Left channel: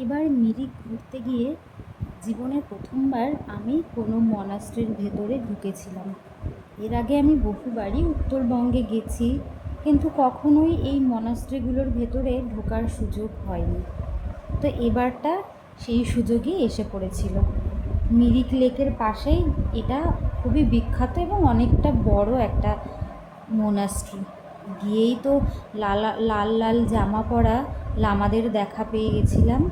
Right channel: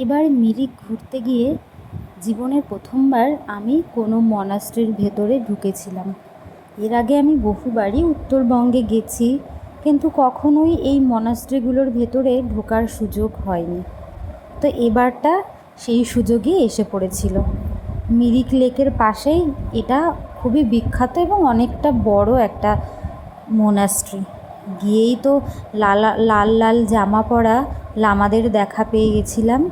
এবার মিরিক ঘুরতে গিয়ে জীবনে প্রথমবার আমি কোনো মনাস্ট্রির ভেতরে ঢুকেছিলাম। এর আগে আমি বহুবারই উত্তরবঙ্গে গেছি, কিন্তু কখনোই এই মনাস্ট্রিগুলোর ভেতরে ঢোকার সুযোগ হয়নি। তো এবারটা সেই সুযোগই এসে পড়েছিল। মিরিক লেকের পাশেই এটা খুবই বিখ্যাত এবং অনেকটা বড় একটা মোনাস্ট্রি। গিয়েই তো লালা, লাল লাল জামা পরা লামাদের দেখা পেয়ে গেছিলাম।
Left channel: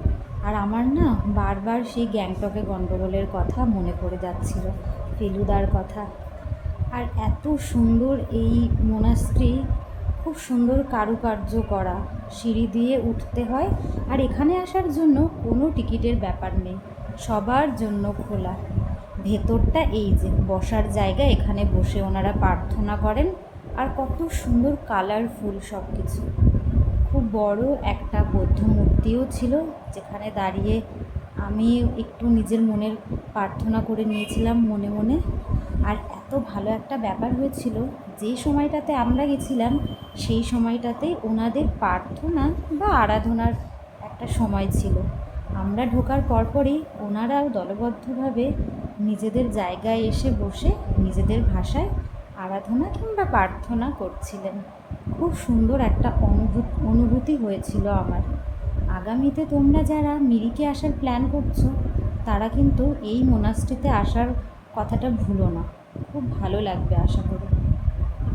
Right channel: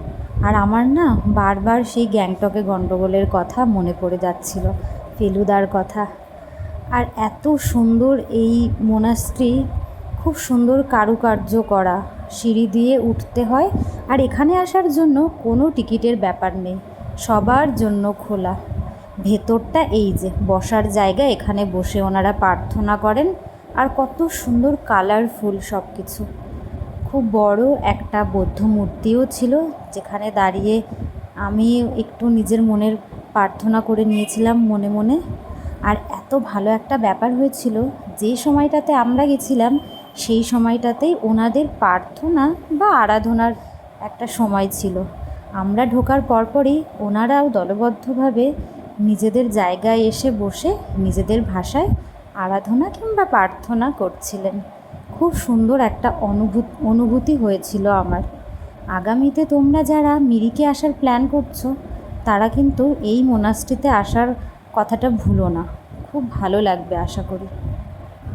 আর আমার না বারবার সেই গ্যাংটকে গণ্ডগোলের কথা মনে পড়ে যাচ্ছিল, ফেলুদার কথা। আর এত সুন্দর এই মোনাস্ট্রি খুব সুন্দর কারুকার্য করা, সিঁড়ি দিয়ে উঠতে হয়, আর এখানে আসার জন্য কোনো টিকিটের ব্যাপার নেই, সবার জন্য খোলা। ভেতরটা এই যে, বসার জায়গা, এখানে বসে ওনারা প্রার্থনা করেন, আর কত সুন্দর কালারফুল সব কিছু খুব বড় একটা বৌদ্ধ মূর্তিও ছিল, যেখানে দাঁড়িয়ে আমি একটু নিজের মনের প্রার্থনা করে নিয়েছিলাম মনে মনে। আর এত ভালো একটা ব্যাপার হয়েছিল, যে সময়টাতে আমরা গেছিলাম, সেই সময়টাতেই ওনাদের প্রার্থনা বা আরাধনার একটা সময় ছিল। আমরা ঢোকার পরপরই ওনারাও দলবদ্ধভাবে নিজেদের জায়গায় এসে বসে নিজেদের ভাষায় আরাধনা কিংবা প্রার্থনা করছিলেন। খুব সুন্দর একটা অনুভূত, অনুভূতি হয়েছিল আমার। আগামীতে তোমরা যারা মিরিকে আসার প্ল্যান করছ, তারা কিন্তু এই মোনাস্ট্রিতে আসার কথাটা ভুলো না। খুব ভালো লাগবে আশা করি।